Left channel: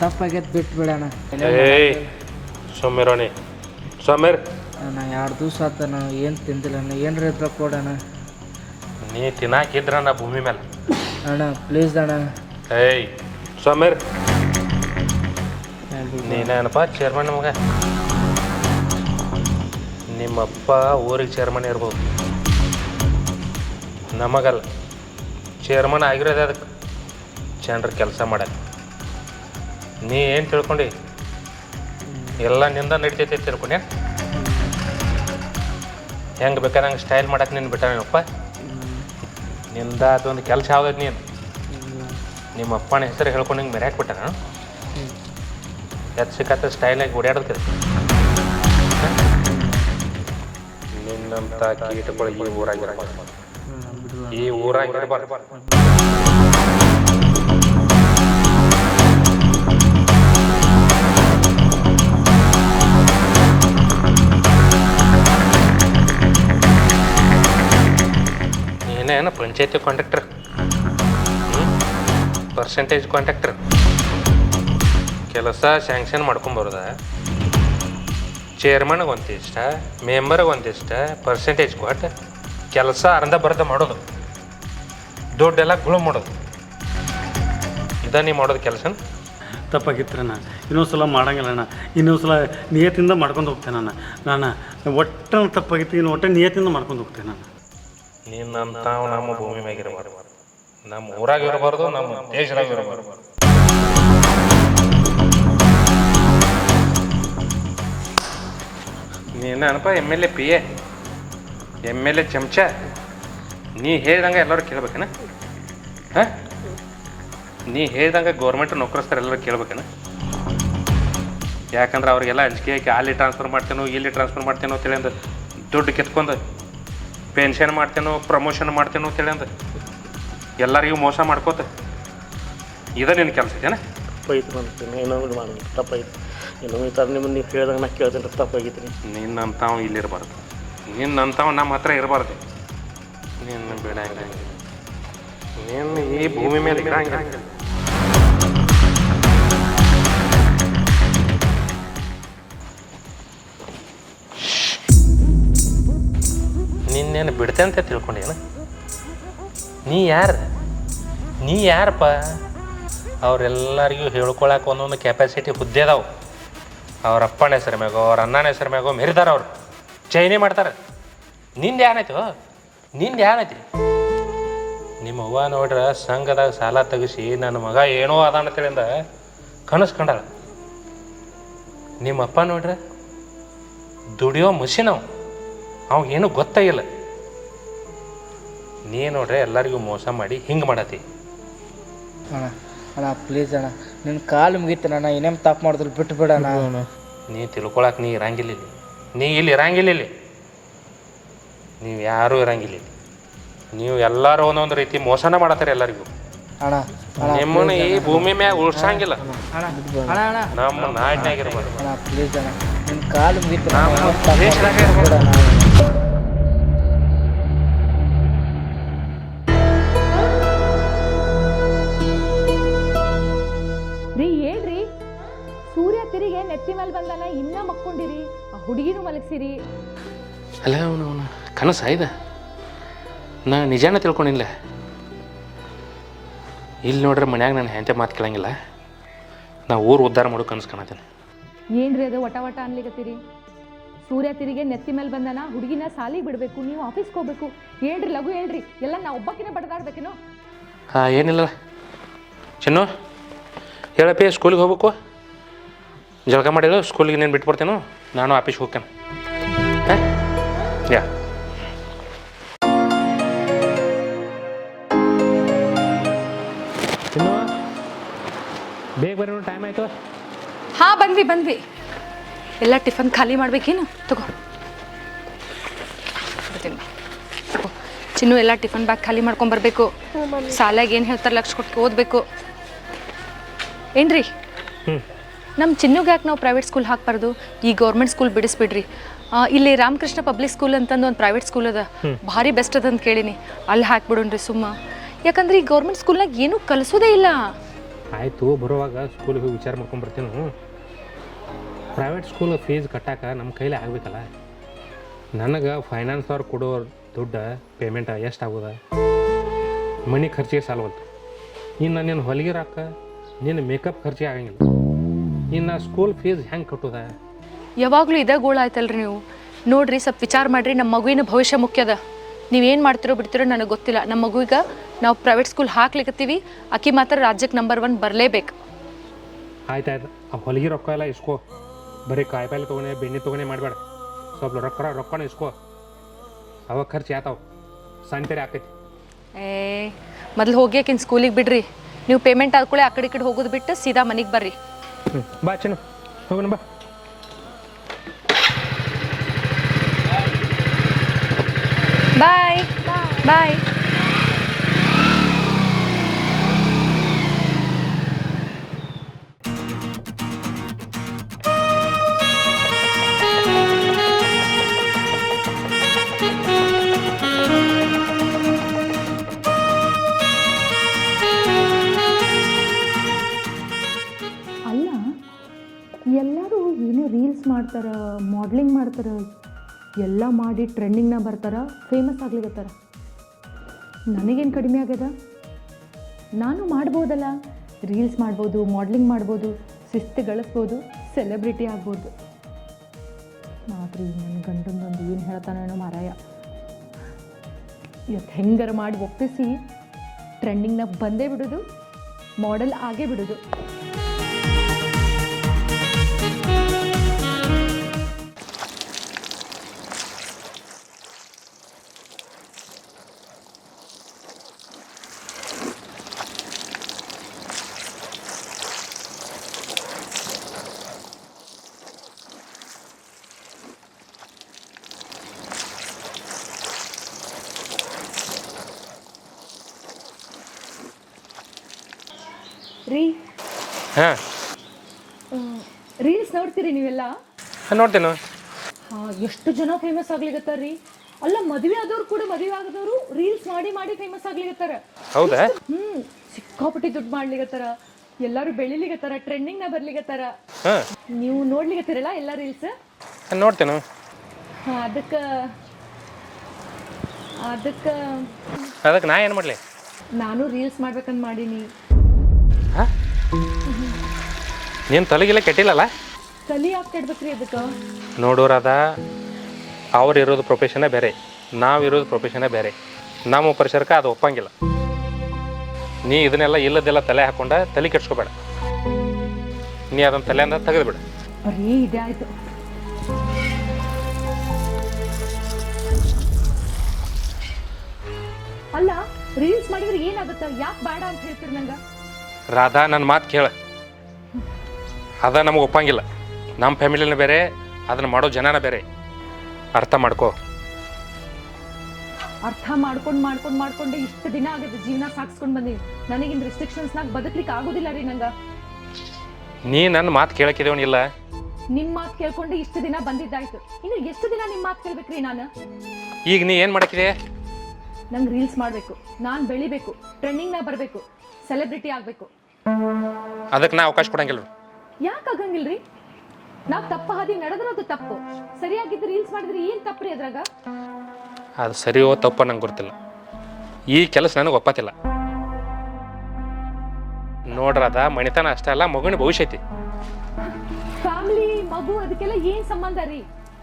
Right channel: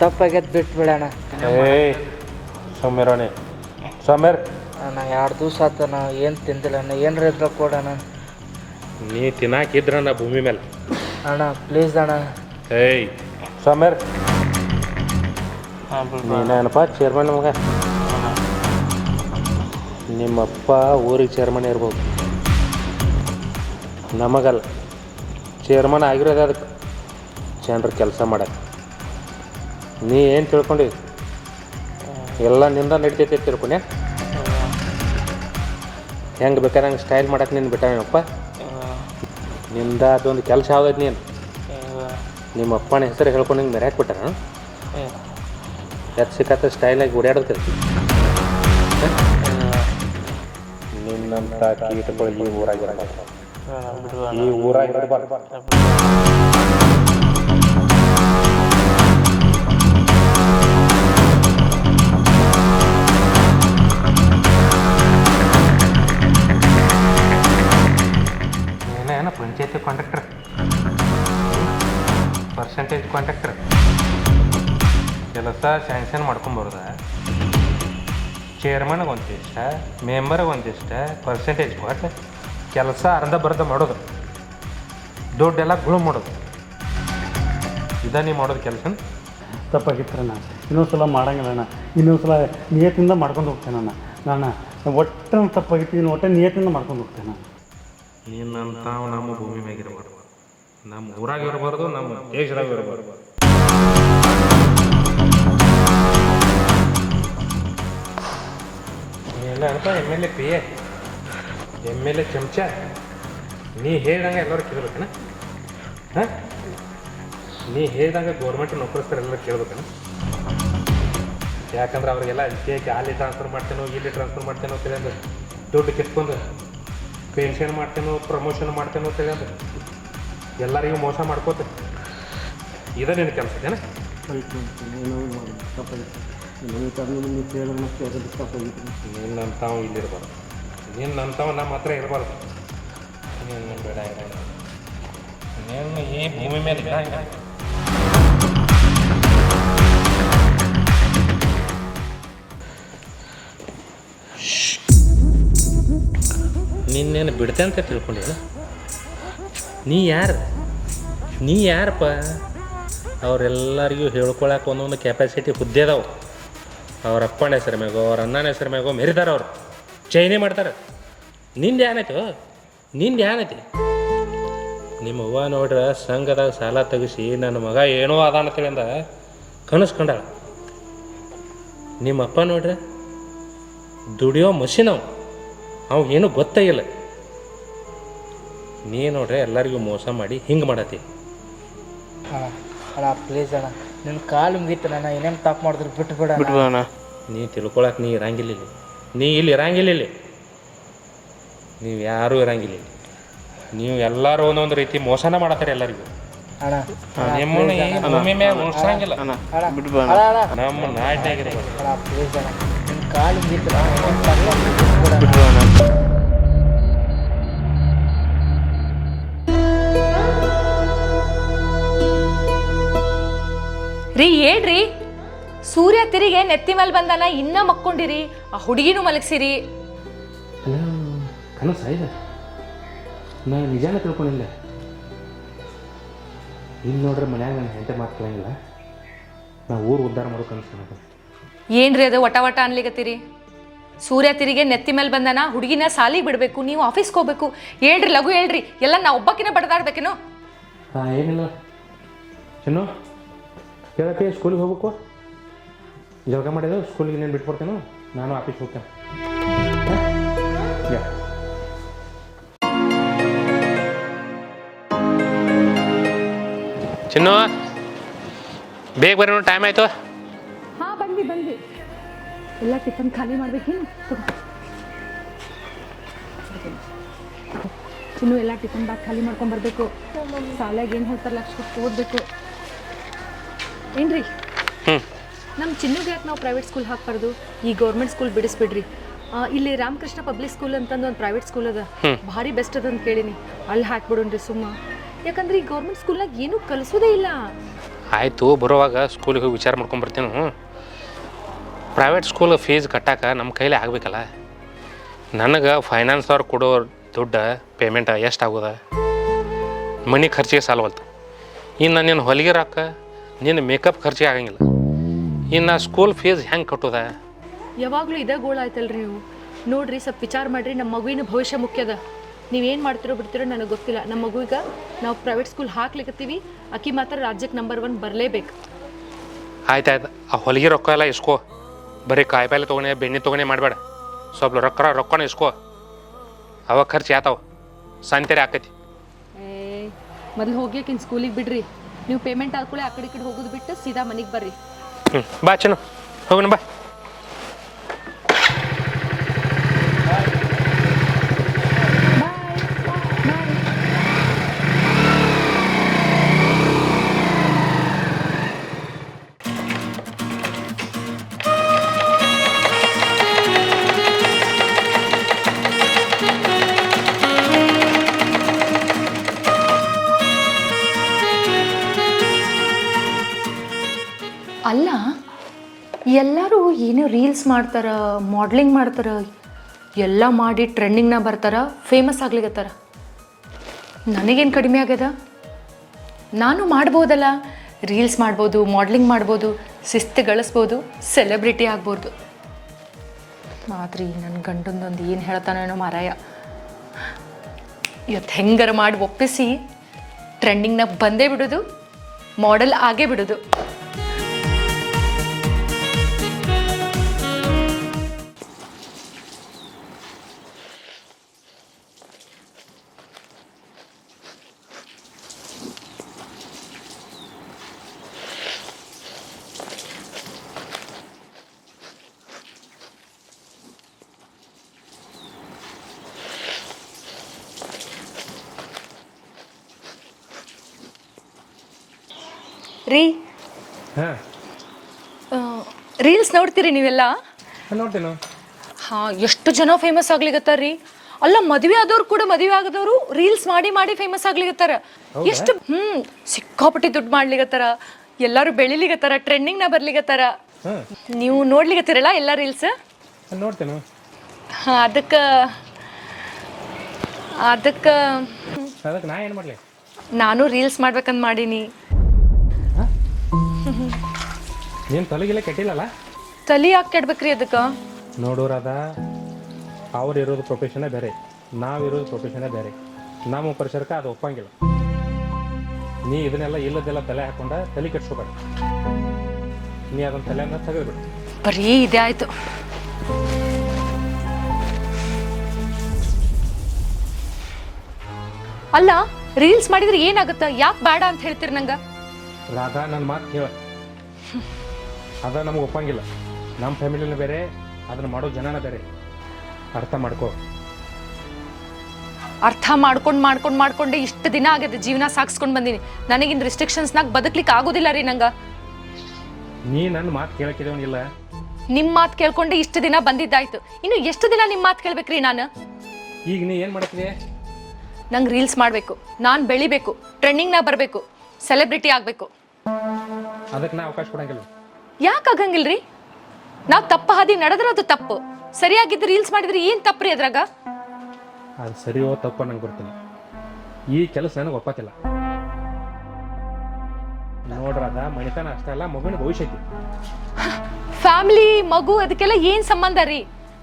ತಪ್ಪಾಗೈತೆ ಬಿಟ್ಟು ಬಿಡೋಣ. ಸೋಮೇರೋಣಿ ಸೋಮೇರ್ ಅಣ್ಣ 2 ದಿವಸ ಆತ ನಾವು ಏನು ತಿಂದಿಲ್ಲ ಅಣ್ಣ, ಏನ್ರ ಇದ್ದಾಗ ಕೊಡೋಣ. ನೀ ತಿನ್ನಾಕಿದ್ರ ನಾ ಭೂಮಿ ಮೇಲೆ. ಅಣ್ಣ ಪ್ಲೀಸ್ ಅಣ್ಣ. ಏಯ್ ಸೋಮೇರ್ ನೀನಪ್ಪ ಚೇರ್ಮನ್ ಮಗ. ನಿಮ್ಮಪ್ಪ ಊರಿಗೆ ಚೇರ್ಮನ್ ಇರ್ಬೋದು, ನಮಗಲ್ಲ. ಚೇರ್ಮನ್ ಆಗಿರೋದು ಅದಕ್ಕೆ ಜನರು ಕೆಲಸ ಮಾಡ್ಯಾರ. ನೀ ಏನು ತಿಳ್ಕೊಂಡು ಎಲ್ಲ ನಿಂದ ನಡಿತೈತೆ ತಿಳ್ಕೊಂಡೆ. ಹೆಂಗೆ ಬೇಕಾದ್ರೆ ಹಂಗೆ ಸ್ಟೈಲ್ ಮಾಡಕ್ಕೆ ನೀನು ಬಿಟ್ಟಾನಪ್ಪ. ನಿಂದ ಅದೊಂದು ಕೆಲಸ ಯಾವ್ದೈತೆ ನೀನು ನಿಮ್ಮ ಅಪ್ಪನ ಹೆಸರು ಹೇಳ್ಕೊಂಡು ಹಿಂಗೆ ಮೆರ್ಯಾಕೆ ಬಿಟ್ಟಾರ. ಎತ್ತು ಸಿಕ್ಕತ್ತ ಸ್ಟೈಲಾಗಿ ಓಡಾಡ್ತದೆ. ನಿನ್ನಂತ ಕೀಟಗಳು ಈ ಊರಾಗಿರಬಾರ್ದು, ಈ ಊರಾಗಿರಬಾರ್ದು. ಏನೇನು ಪಂಚಾಯತಿ ಕಾಂಟ್ರಾಕ್ಟರ್, ಪರ್ಸೆಂಟೇಜ್ ಕಾಂಟ್ರಾಕ್ಟರ್, ಕೆಲಸ ಸ್ಯಾಂಕ್ಷನ್ ಮಾಡ್ಕೊಂಬರೋದ. ಚೇರ್ಮನ್ಗೆ ಒಂದಿಷ್ಟ, ಮೆಂಬರ್ಗೆ ಒಂದಿಷ್ಟ ಪರ್ಸೆಂಟೇಜ್ ಕೊಟ್ಟು ಕೆಲಸ ಅರ್ಧ ಮಾಡೋದು, ದುಡ್ಡೆಲ್ಲ ಗುಳು ಮಾಡೋದು. ನೀ ಮಾಡೋದು ಕೆಲಸ ತಪ್ಪಾಗಿತ್ತು ನಾನು. ಇನ್ನೊಂದು ಸಲ ಮಾಡಂಗಿಲ್ಲ ಅಣ್ಣ. ಇನ್ನೊಂದು ಸಲ ನಿಯತ್ತಿಂದ ಮಾಡ್ಕೊಂಡು ಹೋಗ್ತೇನೆ ನಾನು ಒಟ್ಟು ತಪ್ಪಾಗಿತ್ತು. ಇನ್ನು ಒಟ್ಟು ನಿಯತ್ತಿಂದ ಮಾಡ್ಕೊಂಡು ಹೋಗ್ತೇನೆ ನಾನು. ನಿನ್ನಂತ ನಮ್ಮ ಭೂಮಿ ಮ್ಯಾಗ ಇರಬಾರ್ದು, ನಮ್ಮ ಊರಾಗ ಇರಬಾರ್ದು, ನಮ್ಮ ದೇಶದಾಗ ಇರಬಾರ್ದು. ನೀನಪ್ಪ MLA PA MLA ಚಮಚ. ನೀ ಹೇಳ್ದಂಗೆ ಎಲ್ಲರೂ ಕೇಳ್ಬೇಕೇನ? ಹಾಂ, ನೀ ಹೇಳ್ದಂಗೆ ಗೌರ್ಮೆಂಟ್ ನೌಕರಸ್ಥರು ಎಲ್ಲರೂ ಕೇಳ್ಬೇಕೇನ? ಯಾಕಂದ್ರೆ ಅವ್ರಿಗೆಲ್ಲ ಅಂಜಿಕೆ ಹಾಕಿ ಅಲ್ಲಿ ಟ್ರಾನ್ಸ್ಫರ್ ಮಾಡ್ತೇನೋ ಇಲ್ಲಿ ಟ್ರಾನ್ಸ್ಫರ್ ಮಾಡ್ತೇನೋ ತಿಳಿಯಂದು ದುಡ್ಡು ಕಿತ್ಕೊಂಡು ಪೆನ್ಷನ್ ಮಾಡ್ತೇನೋ ಪ್ರಮೋಷನ್ ಮಾಡ್ತೇನೋ ತಿಳಿಯಂದು ಎಲ್ಲರಿಗೂ ಮೋಸ ಮಾಡ್ಕೋತ ಇದ ನಿನ್ನ ಕೆಲಸ ಏನ? ತಪ್ಪಾಗಿತ್ತು ಮಾಡ್ತೀನಿ, ಇನ್ನೊಂದು ಮಾಡಿ ತಪ್ಪಾಗಿತ್ತು. ಇನ್ನೊಂದು ಥರ ನಿಮ್ಮನ್ನು ನೀವು ಕೇಳಿದಾಗ ನಾ ಕೇಳ್ತೇನೆ ತಪ್ಪಾಗಿತ್ತು. ನಿನ್ನಂಥವು ಇಲ್ಲಿರಬಾರ್ದು, ನಿನ್ನಂಥವು ನಮ್ಮ ಹತ್ರ ಇರಬಾರ್ದು. ನಿನ್ನ ಬೇಡ ನೀನು ಈ ಭೂಮಿ ಮೇಲೆ ಇರಂಗಿಲ್ಲ. ನಿನ್ನೇನು ಬಿಡ್ತೆ ಅಂತ ತಿಳ್ಕೊಂಡೇನ? ನೀ ಯಾರಪ್ಪ? ಅವರೆಲ್ಲರಿಗೂ ಹೇಳ್ಕೊಳಕ್ಕೆ ಒಂದೊಂದು ಕೆಪಾಸಿಟಿ ಹುದ್ದೆ ಅದಾವೆ. ಅವ್ರ ಅಪ್ಪನ ಹೆಸರು ಮ್ಯಾಗೋ ಅವ್ರ ಅಣ್ಣನ ಹೆಸರು ಮ್ಯಾಗೋ ಮೆರಿತಾರೆ. ಅವರು ಚೈನಿ ಮಾಡ್ತಾರೆ. ನಿಂದು ಏನೈತಿ? ನಿಮ್ಮ ಅವ್ವ ನೋಡ್ರೆ ಸಂಘದಾಗ ಸಾಲ ತೆಗಿಸಿ ನನ್ನ ಮಗ ಏನೋ ಅದ ಅಂತೇಳಿಂದ ಕನಸ್ಕೊಂಡಾಳ. ನಿಮ್ಮ ಅಪ್ಪ ನೋಡ್ರೆ ದುಡಿಯೋ ಮಷಿನ್ ಅವು ಏನೂ ಗೊತ್ತಾಗಿಲ್ಲ. ನೀ ನೋಡ್ರೆ ಎಲ್ಲರಿಗೂ ಮೋಸ ಮಾಡಿ ಹಿಂಗೆ ಮಾಡತ್ತಿ. ಅಣ್ಣ ಪ್ಲೀಸ್ ಅಣ್ಣ, ನಿನ್ನ ಕಾಲು ಮುಗಿತಾನ. ಅಣ್ಣ ಏನೇನು ತಪ್ಪು ಮಾಡಿದ್ರು ಬಿಟ್ಟು ಬಿಡ ಅಣ್ಣ. ನೀ ತಿಳ್ಕೊಳಕ್ಕೆ ನೀ ಇರಂಗಿಲ್ಲ ಇಲ್ಲಿ. ನೀ ಇಲ್ಲಿ ಇರಂಗಿಲ್ಲ. ಇಲ್ಲಿ ನೀವು ಯಾರೂ ಇರಂಗಿಲ್ಲ. ನೀವು ಎಲ್ಲರೂ ಒಂದೊಂದು ರೀತಿ ಮೋಸನ ಮಾಡತ್ತಾರೆ ಎಲ್ಲರಿಗೂ. ಅಣ್ಣ ನಿಮ್ಮನ್ನ ಈ ಭೂಮಿ ಮ್ಯಾಗ ಉಳ್ಸಂಗಿಲ್ಲ. ಅಣ್ಣ ನಮ್ಮ ನಾಡಿನಾಗಿರ್ಬಾರ್ದು. ಅಣ್ಣ ಪ್ಲೀಸ್ ಅಣ್ಣ, ನಿನ್ನ ಕಾಲು ಮುಗಿತಾನ. ರೀ ಹೇಳ್ರಿ, ಸೂರ್ಯ ತಿರಿಗೆ ನೆತ್ತಿ ಮೇಲೆ ಬಂದಾನ, ಇನ್ನ ಮಕ್ಕೊಂಡಿರಿ, ಆ ಹುಡುಗಿನೂ ಮಲಗಿಸಿರಿ. ಅಲ್ಲ ಅವನು ಕನಸ ಇದೆ. ನಾ ನಿಜಾನ ತಿಳ್ಕೊಂಡಿಲ್ಲ. ಇಲ್ಲಿ ನೋಡ್ರೆ ಮನ್ಯಾಗ ನಾನು ಹೆಂತೆ ಮಾತು ಕೇಳಂಗಿಲ್ಲ. ನಾ ಊರು ಉದ್ಧಾರ ಮಾಡೋ ಕನಸು ಕಾಣತೀನಿ. ಏನ್ರಿ ಅದು ವಟ ವಟ ಅನ್ಲಿಕತ್ತೀರಿ? ಸೂರ್ಯ ತಿರಿಗೆ ನೆತ್ತಿ ಮೇಲೆ ಬಂದಾನ, ಹುಡುಗಿನ ಸಾಲಿಗೆ ಬಿಡಬೇಕು, ನೀವು ಆಫೀಸ್ಗೆ ಹೋಗ್ಬೇಕು. ಹೇಳ್ರಿ, ಲಘು ಹೇಳ್ರಿ. ಎಲ್ಲ ನಾ ಒಬ್ಬಕಿನ ಬಡದಾಡ್ಬೇಕೇನೋ? ಹಾಂ, ಏನಿಲ್ಲ ಚಿನ್ನು, ಹೇಳಪ್ಪಿ. ಸ್ಕೂಲಿಗೆ ಹೋಗ್ಬೇಕು, ಜಳಕ ಮಾಡಿಲ್ಲ. ಸ್ಕೂಲಿಗೆ ನೀನು ಬಿಟ್ಬಿಡ್ತೇನೋ, ನಾನು ಆಫೀಸ್ಗೆ ಹೋಗ್ತೇನೆ. ಹಾಂ, ಯಾ ಚಿನ್ನು, ಬೇಗ ಬರ್ರಿ, ಟೈಮ್ ಆಯಿತು. ಹಾಂ, ಬಂದ್ವಿ. ಎಲ್ಲ ಟಿಫನ್ ಖಾಲಿ ಮಾಡ್ಬೇಕೇನು? ತಗೋ ಚಿನ್ನು, ಎಲ್ಲ ಟಿಫನ್ ಬ್ಯಾಗ್ ಖಾಲಿ ಮಾಡ್ಕೊಂಬರ್ಬೇಕು. ಸಾಲಾಗ ಏನು ಹೇಳ್ತಾರೆ ಲಕ್ಷ ಕೊಟ್ಟು ಓದಬೇಕು. ಏನ್ರಿ, ನಮ್ಮ ಚಿನ್ನುಗೆ ಯಾಕೆ ನಾವು ಪ್ರೈವೇಟ್ ಸ್ಕೂಲ್ ಹಾಕ್ಬಾರ್ದು? ಈ ಗೌರ್ಮೆಂಟ್ ಸ್ಕೂಲ್ ಬಿಡಿಸ್ಬಿಡ್ರಿ. ಇಲ್ಲಿ ರಾಮಕೃಷ್ಣ ಪಬ್ಲಿಕ್ ಸ್ಕೂಲ್ ಅಂತಂದು ಒಂದು ಪ್ರೈವೇಟ್ ಸ್ಕೂಲ್ ಅದ, ಭಾರಿ ಬೆಸ್ಟ್ ಅದಂತ ಕೇಳೀನಿ. ಅಲ್ಲಿ ಹಾಕ್ಬಿಡೋಣ್ರಿ ಸುಮ್ಮ. ಯಾಕಂದ್ರೆ ಈ ಗೌರ್ಮೆಂಟ್ ಸ್ಕೂಲ್ನಾಗ ಏನೂ ಕಲಿಸೋದೇ ಇಲ್ಲ. ಆಯಿತು, ಬರೋವಾಗ ಸ್ಕೂಲಿಗೆ ಹೋಗಿ ವಿಚಾರ ಮಾಡ್ಕೊಂಬರ್ತೀನಿ. ಪ್ರೈವೇಟ್ ಸ್ಕೂಲ್ ಫೀಸ್ ಕಟ್ಟಕ್ಕೆ ನಮ್ಮ ಕೈಲಿ ಆಗಬೇಕಲ್ಲ. ನನಗೆ ಫೈನಾನ್ಸ್ ಅವ್ರು ಕೊಡೋ ದುಡ್ಡು ಪೇಮೆಂಟ್ ಎಷ್ಟಾಗೋದ, ಮನೆ ಖರ್ಚಿಗೆ ಸಾಲವಲ್ತು. ಇನ್ನು ನಿನ್ನ ಹೊಲಿಗೆ ರೊಕ್ಕ, ನಿನ್ನ ಮೇಕಪ್ ಖರ್ಚಿಗೆ ಆಗಂಗಿಲ್ಲ. ಇನ್ನು ಸ್ಕೂಲ್ ಫೀಸ್ ಹೆಂಗೆ ಕಟ್ಟೋದ? ಯಾವಾಗಲೂ ಇದೇ ಗೋಳು ಆಯ್ತಲ್ರಿ ನೀವು. ನೋಡ್ರಿ, ಸ್ವಲ್ಪ ವಿಚಾರ ಮಾಡಿರಿ. ನಮ್ಮ ಮಗುವಿನ ಭವಿಷ್ಯ ಮುಖ್ಯದ. ನೀವೇನು ಮಾಡ್ತಿರೋ ಬಿಡ್ತಿರೋ ನನಗೆ ಗೊತ್ತಿಲ್ಲ. ನಮ್ಮ ಮಗುವಿಗೆ ನಾವು ಪ್ರೈವೇಟ್ ಸ್ಕೂಲ್ ಹಾಕ್ಲಿಕ್ಕತ್ತೀವಿ. ಆಕಿ ಮಾತ್ರ ರಾಜ್ಯಕ್ಕೆ ನಂಬರ್ 1 ಬರಲೇಬೇಕು. ಆಯ್ತಾಯ್ತು, ಆ ಹೊಲಿಗೆ ರೊಕ್ಕ ಎಲ್ಲ ಇಸ್ಕೋ. ಬರೀ ಕಾಯಿಪಲ್ಲೆ ತೊಗೊಂಡೆ ಬೆಣ್ಣೆ ತೊಗೊಂಡೆ ಮಾಡಬೇಡ. ಸ್ವಲ್ಪ ರೊಕ್ಕನ ಇಸ್ಕೋ. ಅವಾಗ ಖರ್ಚು ಯಾತಾವ ಸಂತೆರೆ ಆಕೈತಿ. ಮೊದಲು ಹೋಗಿ ಆಕಿನ ಸ್ಕೂಲಿಗೆ ಬಿಡ್ರಿ. ನೀವು ಪೇಮೆಂಟ್ ಆದ್ಕೊಳ್ಳಿ ಆ ಕಡೆ ಈ ಕಡೆ ಹೋಗೋದು ಬಿಟ್ಟು ಸೀದಾ ಮನೆಗೆ ಬರ್ರಿ. ಬಾ ಚೆನ್ನು, ಹೋಗೋಣ ಬಾ. ಬಾಯ್ ಬಾಯ್. ಅಲ್ಲ, ಎಲ್ಲರೂ ಏನೋ ರೀಲ್ಸ್ ಮಾಡ್ತಾರೆ, ಮಾಡ್ಲಿಂಗ್ ಮಾಡ್ತಾರೆ, ಎಲ್ಲ ಮಾಡಿ ಟ್ರೆಂಡಿಂಗ್ನ ಬರ್ತಾರೆ, ಫೇಮಸ್ ಆಗ್ಲಿಕತ್ತಾರ. ನನಗೇನು ಕಡಿಮೆ ಆಗ್ಯದ? ನಾನು ಮಾಡ್ಬೋದಲ್ಲ. ರೀಲ್ಸ್ ಮಾಡ್ಬೋದು, ಮಾಡ್ಲಿಂಗ್ ಮಾಡ್ಬೋದು, ಶಿಸ್ತು ಗಳಿಸ್ಬೋದು, ಸೆಲೆಬ್ರಿಟಿ ಆಗ್ಬೋದು. ಆದ್ರಿ ನನ್ನ ಗಂಡಂದೊಂದು ಏನು ಹೇಳ್ತಾನೇನೋ ಮಾರಾಯ. ಇವತ್ತು ಹೆಂಗಾರ ಮಾಡಿ ಒಪ್ಪಿಸಿ ಟ್ರೆಂಡಿಂಗ್ನ ಬಂದೇ ಬಿಡೋದು, ಮಾಡೆಲ್ ಆಗೇ ಬಿಡೋದು. ರೀ, ಹಾಂ, ರೀಲ್ಸ್ ನೋಡ್ತೀರಿ ನೀವೆಲ್ಲ? ನೋಡ್ತೇನೆ. ಹಾಂ, ಎಷ್ಟು ಜನ ಫೇಮಸ್ ಆಗ್ಲಿಕತ್ತಾರ ರೀ. ಅಲ್ಲ, ಮದುವೆ ಆದವ್ರು ಕೂಡ ಮದುವೆ ಆಗದವರು ರೀಲ್ಸ್ ಮಾಡಿ ಮಾಡಿ ಫೇಮಸ್ ಆಗ್ಲಿಕತ್ತಾರ. ಎಷ್ಟು ಸಿಕ್ಕಾಪಟ್ಟಿ ದುಡ್ಡು ಮಾಡ್ಲಿಕತ್ತಾರ. ಎಲ್ಲರೂ ಬೆಳಿಲಿಕತ್ತಾರ, ಟ್ರೆಂಡಿಂಗ್ನ ಬರ್ಲಿಕತ್ತಾರ. ನೀವು ನೋಡ್ಲಿಕತ್ತೀರಲ್ಲ ಎಲ್ಲ ರೀಲ್ಸ್? ನೋಡ್ತೇನೆ. ಹಾಂ, ಅದಕ್ಕೆ ನಾ ಏನು ಮಾಡಲಿ? ನಾನು ರೀಲ್ಸ್ ಮಾಡ್ಬೇಕಂತ ಮಾಡೀನಿ. ನೀನು ತಲೆಗಿಲ್ಲ ಕೆಟ್ಟಿಲ್ಲಲ್ಲ? ತಲೆ ಯಾಕೆ ಕೆಡ್ಬೇಕ್ರಿ ಅದಕ್ಕೆ? ನೋಡೋರದ ಅವ್ರು ಇರೋದು ಪ್ರೊಫೆಷನೇ ಬೇರೆ, ನಾವಿರೋದು ಪ್ರೊಫೆಷನೇ ಬೇರೆ. ನಮ್ಮ ಪರಿಸರಕ್ಕೆ ಅದು ಒಪ್ಪಂಗಿಲ್ಲ. ನೀ ಇದನ್ನೆಲ್ಲ ಇಲ್ಲದೆಲ್ಲ ತಲೆ ಹಾಕೊಂಡ ತಲೆ ಕೆಡ್ಸ್ಕೋಬೇಡ. ನೀ ಅದನ್ನು ತಲೆಯಿಂದ ತೆಗೆದುಬಿಡು. ಬರೀ ಇದೇ ಆಯಿತು. ಅಲ್ಲ, ರೀಲ್ಸ್ ಮಾಡಿದ್ರೆ ಏನಾಗುತ್ತೆ? ಯಾಕೆ ಬೇಡ ಅಂತ ಹೇಳ್ತೀರಿ ನಂಗೆ? ರಾಧಾ, ನನ್ನ ಮಾತು ಕೇಳ. ಅದ ನಮಗೆ ಒಪ್ಪಂಗಿಲ್ಲ. ನಮ್ಮ ಫ್ಯಾಮಿಲಿನ ಬೇರೆ, ಅದನ್ನು ಮಾಡೋ ಜನನ ಬೇರೆ. ಅರ್ಥ ಮಾಡ್ಕೋ. ಅರ್ಥ ಮಾಡ್ಕೊಂಡೆ ಇಷ್ಟು ದಿನ ಆಗಿದೆ. ಜೀವನ ಸಾಗಿಸ್ಕೊಂಡು ಬಂದೀನಿ. ನನಗಿನ್ ರಿಸ್ಟ್ರಿಕ್ಷನ್ಸ್ನಾಗ ಬದುಕ್ಲಿಕ್ಕೆ ಆಗೋದಿಲ್ಲ ರೀ ನಂಗೆ. ನೀ ನನ್ನ ಮಾತು ಕೇಳಕ್ಕಿದೇವನಿಲ್ಲ. ನಿಮ್ಮ ಮಾತು ಕೇಳ್ಕೊಂಡೆ ಇಷ್ಟು ದಿನ ಬಂದಿದ್ದಾಯ್ತು. ಇನ್ನು ಎಷ್ಟು ದಿನ ನಿಮ್ಮ ಮಾತು ಕೇಳ್ಬೇಕ್ರಿ ನಾನು? ಈಗ ನೀ ಏನು ಮಾಡಕ್ಕಿದೆ? ನಂಗೆ ರೀಲ್ಸ್ ಮಾಡಬೇಕು, ನಾನು ಬೆಳಿಬೇಕು, ಟ್ರೆಂಡಿಂಗ್ನ ಬರಬೇಕು, ಸೆಲೆಬ್ರಿಟಿ ಆಗಬೇಕು. ಅದಕ್ಕೆ ನಾ ಅವಕಾಶ ಕೊಡಂಗಿಲ್ಲ. ಯಾಕೆ ಆಗಂಗಿಲ್ರಿ? ನಾವು ತಪ್ಪು ಹಾದಿ ನಡೆದ್ರೆ ಅದು ತಪ್ಪು, ಸರಿಯಾಗಿದ್ದು ರೀಲ್ಸ್ ಮಾಡಿದ್ರೆ ಏನು ತಪ್ಪು ರೀ ಅದ್ರಾಗ? ಅದು ಸರಿಯೋ ತಪ್ಪೋ ನಂಗೆ ಗೊತ್ತಿಲ್ಲ. ಈ ಕೆಲಸ ನನಗೆ ಒಪ್ಪತ್ತಿಲ್ಲ. ನೋಡ್ರದ ಮಣಿತನ ಅಷ್ಟೇ ಅಲ್ಲ, ಮಗುವಿನ ಭವಿಷ್ಯ ಐತಿ. ಫ್ಯಾಮಿಲಿ, ಮಗು, ಅದಕ್ಕೆಲ್ಲ ಏನು ಸಂಬಂಧ ರೀ?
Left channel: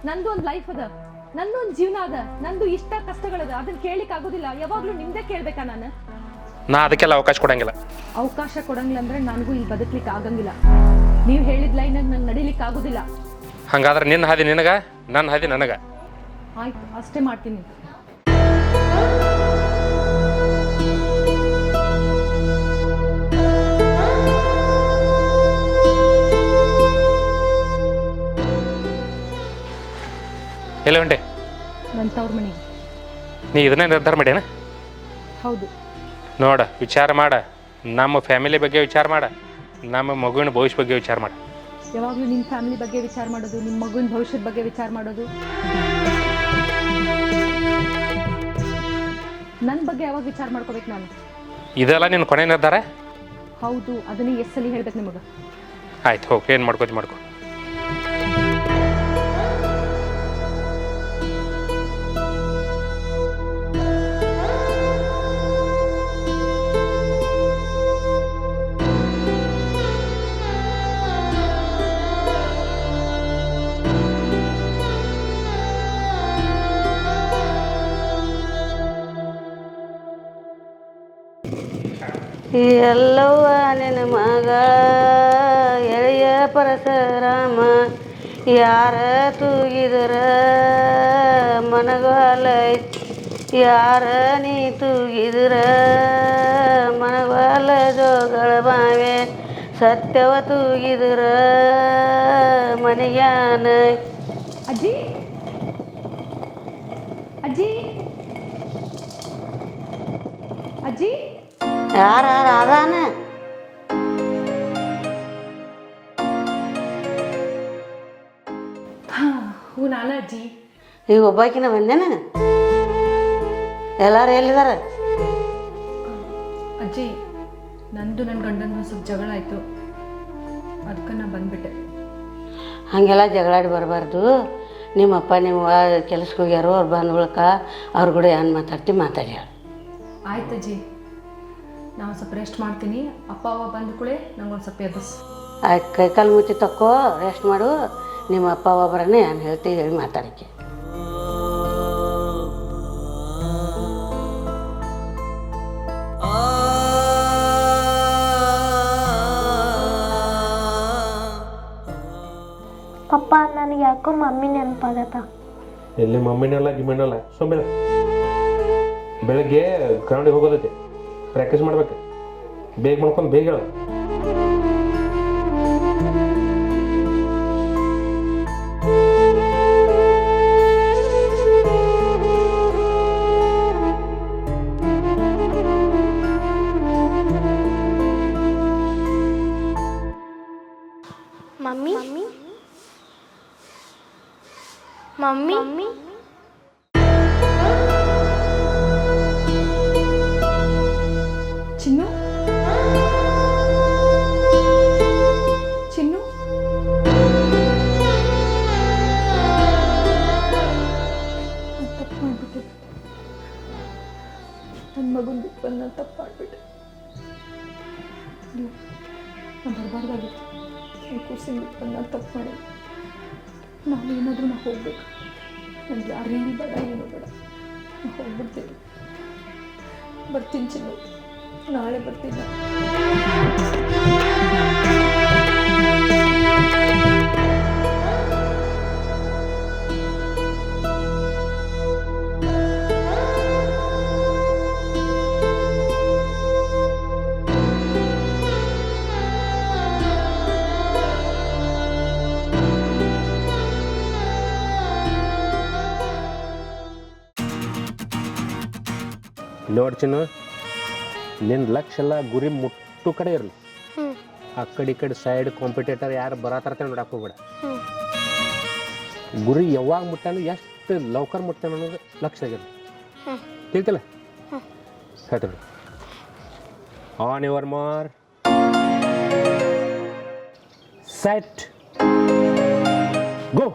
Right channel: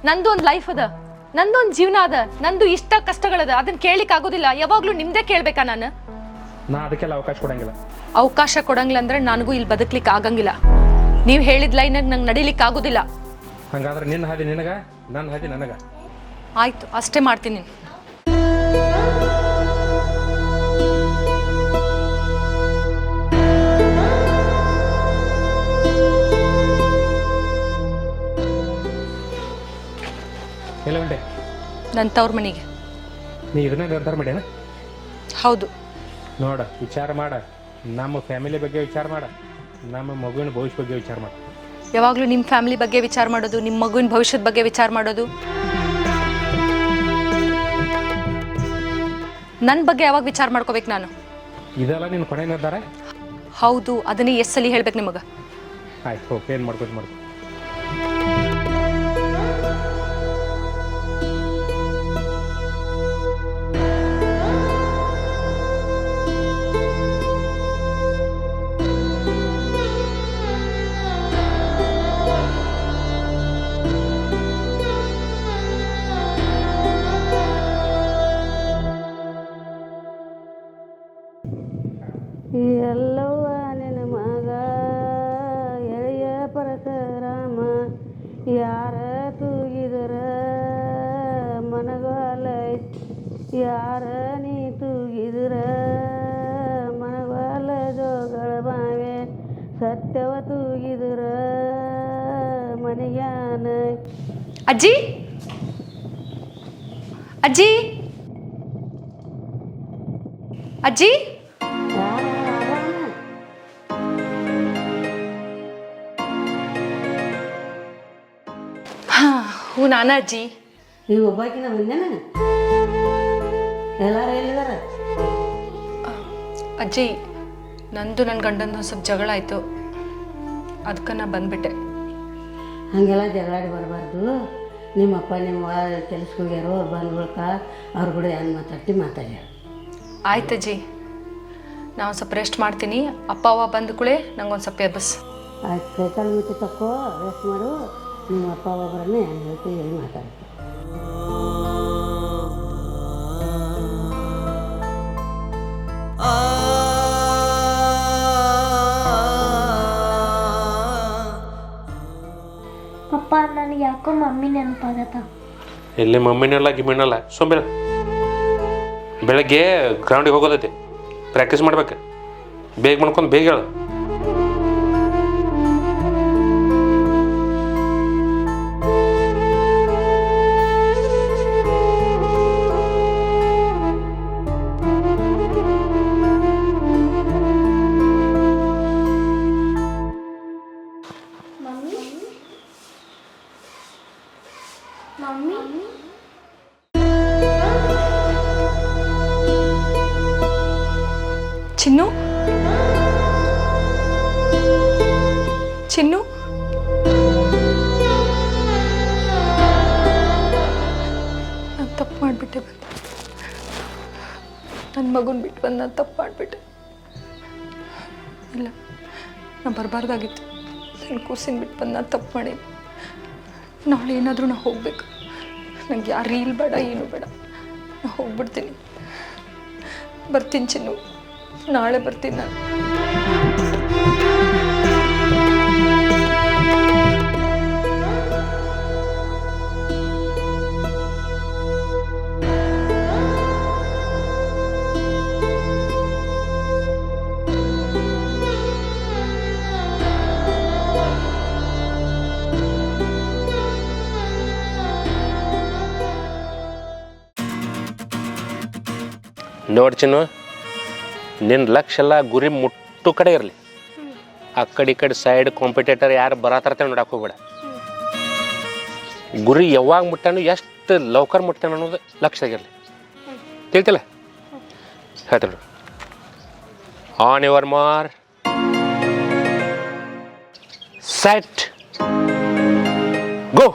ನಂದು ಒಂದು ಲೈಫ್ ಅದ, ನಂದು ಒಂದು ಜೀವನ ಅದ, ನಂದು ಇಷ್ಟ ಕಷ್ಟಗಳದ. ಅದನ್ನ ಕೇಳಲಿಕ್ಕೆ ಆಗೋದಿಲ್ಲ. ಯಾವಾಗಲೂ ನಿಮ್ದೇ ಕೇಳ್ಬೇಕಾ ನಾನು? ನಾ ಅದಕ್ಕೆಲ್ಲ ಅವಕಾಶ ಕೊಡಂಗಿಲ್ಲ. ಅವಕಾಶ ಕೊಡಂಗಿಲ್ಲ ಅಂದ್ರೆ ನನಗೂ ಇಲ್ಲಿ ಬದುಕ್ಲಿಕ್ಕೆ ಆಗಂಗಿಲ್ಲ. ನೀವು ಹೇಳಿದ ಲೈನಾಗ ನಂಗೆ ನಡಿಲಿಕ್ಕೆ ಆಗೋದಿಲ್ಲ. ಹಂಗಾದ್ರೆ ನಿನ್ನ ಹಾದಿ ನಿನಗ, ನನ್ನ ಹಾದಿ ನನಗ. ಆಯ್ತು, ಅಷ್ಟೇ ಮಾಡ್ತೀನಿ. ಎಲ್ಲ ಹೊಂಟೆ? ನನ್ನ ತವ್ರ ಮನೆಗೆ. ನೀ ಇದನ್ನೇ ನಿರ್ಧಾರ ಮಾಡ್ಯಾನ? ಹೌದು. ನೋಡ, ವಿಚಾರ ಮಾಡ. ನಮ್ಮ ಫ್ಯಾಮಿಲಿ ಬಗ್ಗೆ ವಿಚಾರ ಮಾಡ, ನಮ್ಮ ಮಗುವಿನ ಭವಿಷ್ಯ ಬಗ್ಗೆ ವಿಚಾರ ಮಾಡ. ಯಾವಾಗಲೂ ನಿಮ್ಮ ಫ್ಯಾಮಿಲಿ ಬಗ್ಗೆ ವಿಚಾರ ಮಾಡೋದು, ನಿಮ್ಮ ಮಗುವಿನ ಭವಿಷ್ಯದ ಬಗ್ಗೆ ವಿಚಾರ ಮಾಡೋದು. ನನ್ನ ಬಗ್ಗೆ ಯಾವಾಗ ವಿಚಾರ ಮಾಡ್ಕೋಬೇಕು ನಾನು? ಇದೆಲ್ಲ ನಿನ್ನ ಕೊನೆ ನಿರ್ಧಾರ? ಹೌದು ಅದನ್ನೇ ಎಷ್ಟು ಸಲ ಹೇಳ್ಬೇಕು ನಿಮಗೆ? ಆಯ್ತು ಹೋಗಿ ಏನು ಮಾಡ್ಕೊ. ಎಲ್ಲವ್ವ ನಿನ್ನ ಮಗ ಎಳೆಯ ಪರಶುರಾಮ ಯಾರ ತೂಗಿದ್ರ ಮನಗಾಲ ಯಾರ ನೀ ತೂಗಿದ್ರ ಮನಗಾಲ ಜೋಗಳ ಬಾವೆ ಸತ್ಯವ ತೂಗಿದ್ರ ಮನೆಯಾನ. ಅಜ್ಜಿ ಅಜ್ಜಿ ಅಜ್ಜಿ ಯಾರ ಅದಾನ? ಹ್ಞೂ ನಾನ ಅಜ್ಜಿ. ಈಗ ಒಬ್ಬಾಕಿನ ಬಂದೇನ? ಎಲ್ಲಾರು ಎಲ್ಲಿದಾರ? ಅಜ್ಜಿ ನಂದು ನನ್ನ ಗಂಡಂದು ಸ್ವಲ್ಪ ಜಗಳ ಆಯಿತು, ಅದಕ್ಕೆ ನಾ ಬಂದ್ಬಿಟ್ಟೆ. ಹಾಗೆಲ್ಲ ಜಗಳಾಡಿ ಬರಬಾರ್ದು. ನಿಮ್ಮಪ್ಪ ನಿಮ್ಮ ಕೆಲ್ಸಕ್ಕೆ ಹೋಗ್ಯಾರೋ ಅವ್ರು ಬಂದ ಬಳಿಕ ಅವ್ರ ಕೂಡ ಏನು ಮಾತಾಡಿ. ಆಯ್ತಜ್ಜಿ, ನಾವು ಸ್ವಲ್ಪ ರೆಸ್ಟ್ ಮಾಡ್ತೀನಿ. ಅಪ್ಪ ಅವ್ವ ಬಂದ ಕೂಡಲೇ ನಂಗೊಂದು ಸ್ವಲ್ಪ ಎಬ್ಬಸ್. ಆಯ್ತು, ಕೈಕಾಲು ಮುಚ್ಚಿ ತಕ್ಕೋ, ರೆಸ್ಟ್ ಮಾಡು. ನಿಮ್ಮ ಅಪ್ಪ ಅವ್ವ ಬರನೇ ನಾನು ಹೇಳ್ತೀವಿ, ಹೇಳಿ ಮಾತಾಡೋಕ್ಕೆ. ಪಪ್ಪ ನನಗೆ ಯಾಕೋ ಮಮ್ಮಿ ನೆನಪಾಗತ್ತ. ಎಲ್ಲಿ ಮಮ್ಮಿನಲ್ಲ ಗಿಮ್ಮಿನಲ್ಲ ಸೊಂಬೇಳ. ಬೆಳಗ್ಗೆ ಗ್ರೌಂಡಿಗೆ ಹೋಗೋದೈತಿ, ಪ್ರಾಕ್ಟೀಸ್ ಮಾಡ್ಬೇಕು. ಬೇಗ ಮಾಡ್ಕೊಂಡು ಬೇಗ ಹೇಳು. ಮಮ್ಮಿ ಮಮ್ಮಿ ಮಮ್ಮಿ ಚಿನ್ನು ಚಿನ್ನು ನಾನು ತಪ್ಪು ಮಾಡಿಬಿಟ್ಟೆ. ನನ್ನ ಮಗುನ ಬಿಟ್ಟು ಬಂದು ನಾನು ತಪ್ಪು ಮಾಡಿಬಿಟ್ಟೆ. ಇಲ್ಲ, ನಾನು ಬರಬಾರ್ದಾಗಿತ್ತು. ನನ್ನ ಕೂಸಿನ ಬಿಟ್ಟು ಬಂದು ನಾನು ತಪ್ಪು ಮಾಡಿ. ನಾಳೆ ಏನಾದರೂ ನಾನು ಹೋಗ್ಬೇಕು. ನನಗೆ ಯಾರು ರೀಲ್ ಬೇಡ, ಏನೂ ಬೇಡ. ನಾನು ಹೋಗ್ಬಿಡ್ತೀನಿ. ಬರ್ತೀನಿ ಚಿನ್ನು, ನಾಳೆ ಬರ್ತೀನಿ ನಾನು. ನೋಡಿ ಚಿನ್ನು, ನಿನ್ನ ಲಕ್ಷ ಎಲ್ಲ ಗುರಿ ಮುಟ್ಟು ಕಡೆ ಇರಲಿ. ಆ ಕಡೆ ಈ ಕಡೆ ಸೈಡ್ ಕಾಂಪಿಟೇಟರ್ ಯಾರು ಬರತಾರ ನೋಡಕ್ಕೆ ಹೋಗ್ಬೇಡ. ಗುರಿ ಯಾವಾಗ ಮುಟ್ಟಾನು, ಎಷ್ಟು ಲೌಕರ್ ಮುಟ್ಟಾನು ಅನ್ನೋದು ಲಕ್ಷ ಆಗಿರಲಿ. ತಿಳ್ತಿಲ್ಲ? ಹೇಳ್ತೀನಿ. On your Mar set go.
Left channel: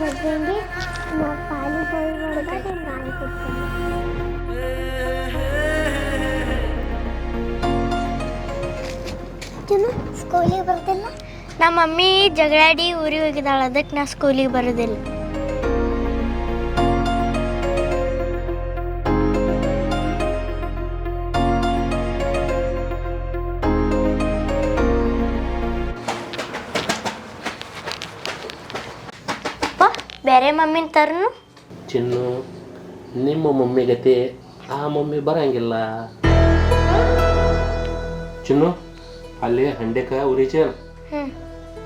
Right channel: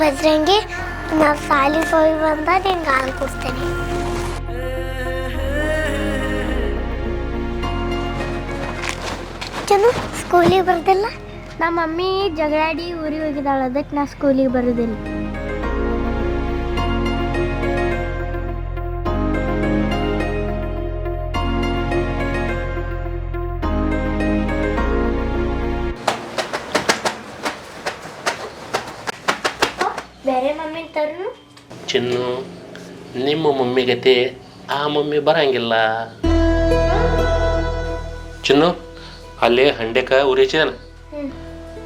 ಬಜ್ರಂಗಿ, ನಾವು ಸಾಲಿಗೆ ಹೋಗಿ ಬಂದ ನಿನ್ಗೆ ಹಾಲು ಕೊಡ್ತೇನೆ. ಚಂದು ಸ್ಕೂಲಿಗೆ ಬರ್ದಿಲ್ಲ? ನಮ್ಮ ಮಮ್ಮಿ ಜಗಳಾಡಿ ಊರಿಗೆ ಹೋಗಿದ್ದಾಳೆ, ಅದಕ್ಕೆ ನಾ ಸ್ಕೂಲಿಗೆ ಬರೋದಿಲ್ಲ. ಬೇರೆ ಮಮ್ಮಿನ ತರನು? ಚಿನ್ನು, ನಿಮ್ಮ ಮಮ್ಮಿ ಗತಿ ಆ ಮಮ್ಮಿ ಬರಂಗಿಲ್ಲ. ಚಿನ್ನು, ಅಲ್ಲಿ ಹಂಡೆಕ ಉರಿಚಿದನ.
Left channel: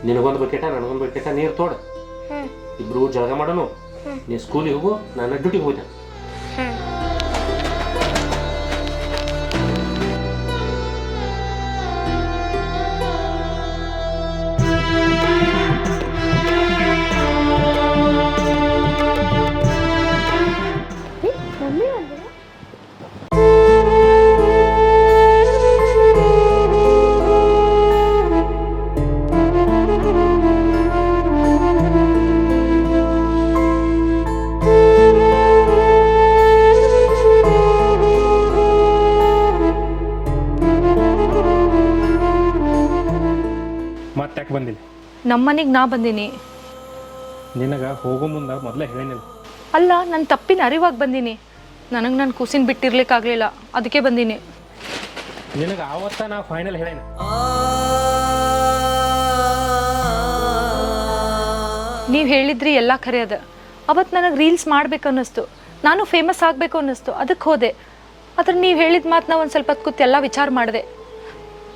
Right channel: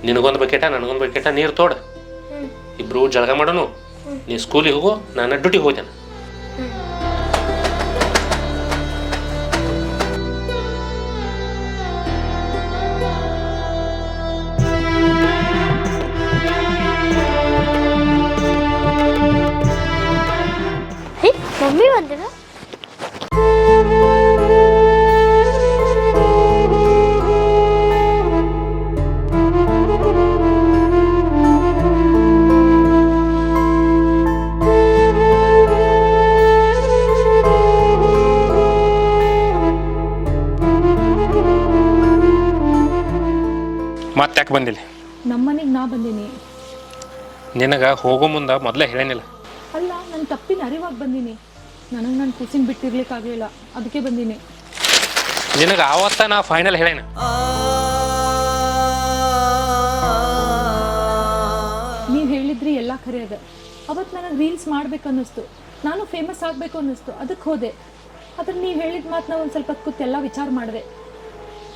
ನಿನಗೊಂದು ಬಕೆಟ ನನಗೊಂದು ಬಕೆಟ ನೀರು ತೋಡ. ಇಬ್ರು ಜಳಗ ಮಾಡೋನು. ನೀ ಸ್ಕೂಲಿಗೆ ಹೋಗು, ನಾನು ಡ್ಯೂಟಿಗೆ ಹೋಗ್ತೇನೆ. ಮಮ್ಮಿ ಬಂದಿಲ್ಲ. ಮತ್ತೆ ಯಾಕೆ ಬಂದಿಲ್ಲ? ನಮ್ಮ ಮನೆಗೆ ನಾ ಬಂದೀನಿ. ನಿನಗೆ ಹೋಗೋ ಮುಂದೆ ಮೊದಲೇ ಹೇಳೇನಿಲ್ಲ. ಅಲ್ಲ, ನನ್ನ ತಪ್ಪಿನ ಅರಿವಾಗಿ ಬಂದೀನಿ. ನನಗೆ ನನ್ನ ಕೂಸಿನ ಬಿಟ್ಟಿರ್ಲಿಕ್ಕಾಗಲಿಲ್ಲ, ಅದಕ್ಕೆ ಬಂದೀನಿ. ನಿನಗೆ ಆವತ್ತ ನಾ ಫೈನಲ್ ಹೇಳೇನ. ನೀವು ಹೇಳಿದ್ರಿ ಎಲ್ಲ ಖರೆ ಅದ. ಅವತ್ತು ನನಗೆ ರೀಲ್ಸ್ ಮಾಡ್ಬೇಕು ಅನ್ನಿಸ್ತು, ನಾನು ಫೇಮಸ್ ಆಗಬೇಕು ಅನ್ನಿಸ್ತು, ಅದಕ್ಕೆ ಹೋದೆ. ಆದ್ರೆ ನೀವು ಹೇಳಿದ ಮಾತು ನಾ ಒಂದು ಸ್ವಲ್ಪ ಹೊತ್ತು ಕೂತು ಎಲ್ಲ ವಿಚಾರ ಮಾಡಿದೆ.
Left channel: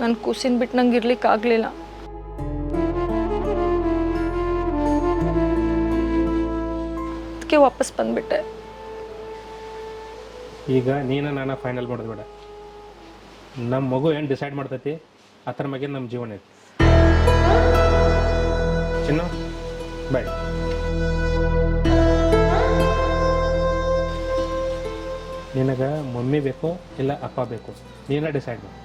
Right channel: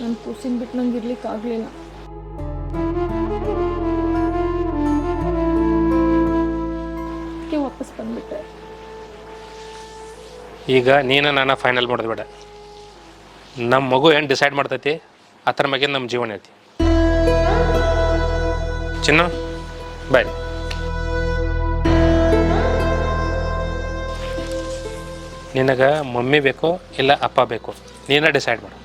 ನನ್ನ ಕೂಸಿನ ಬಿಟ್ಟು ನಂಗೆ ಇರ್ಲಿಕ್ಕಾಗಲಿಲ್ಲ. ಅದಕ್ಕೆ ವಾಪಸ್ ಬಂದ್ಬಿಟ್ಟೆ. ಈಗ ನೀನು ನಾನು ಫೈನಲ್ ಮಾಡೋದು ಬೇಡ. ನಮ್ಮ ಮಗು ಏನು ಡಿಸೈಡ್ ಮಾಡ್ತೈತಿ ಅದ್ರ ಮ್ಯಾಗೆ ನಮ್ಮ ಜೀವನ ಐತಿ. ಚಿನ್ನ ಬಾಯ್. ನಿನಗೆ ಮಮ್ಮಿ ಬೇಕು ಇಲ್ಲ ಅಪ್ಪ ಬೇಕು, ನೀನೇ ಡಿಸೈಡ್ ಮಾಡು.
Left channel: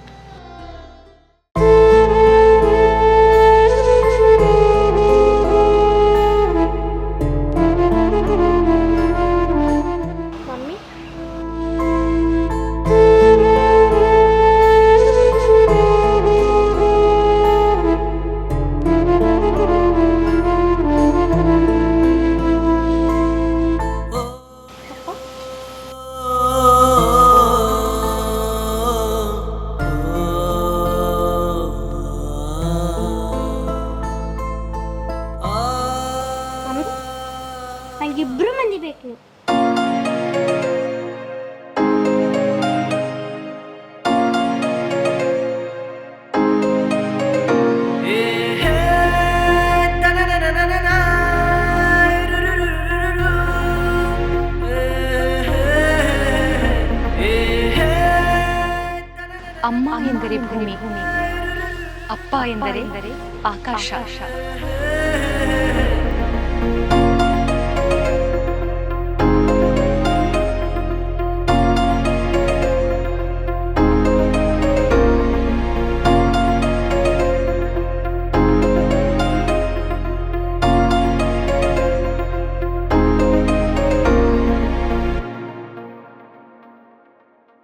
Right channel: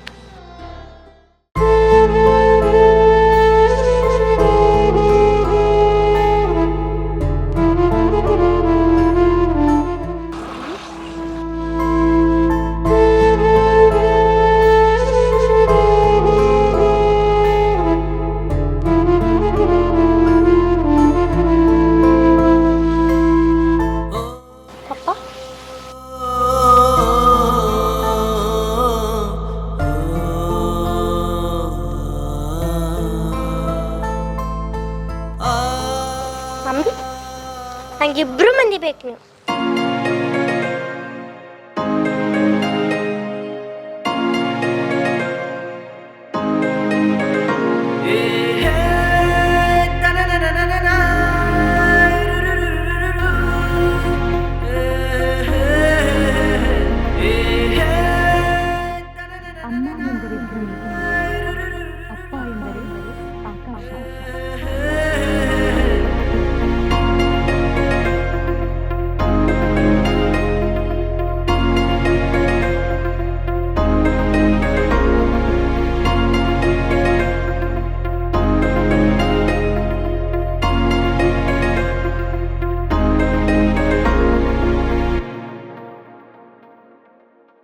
ನಂಗೆ ಇಬ್ರು ಮಂದಿ ಬೇಕು ನೀವು. ಅಮ್ಮ ಎಂದರೆ ಭೂಮಿ, ಅಪ್ಪ ಎಂದರೆ ಆಕಾಶ.